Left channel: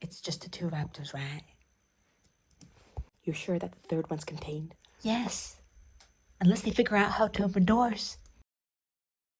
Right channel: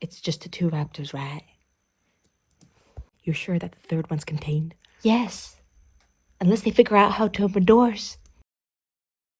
It's just the two raptors, right? You're sure that the third one's contained? Yes. Unless they figure out how to open doors.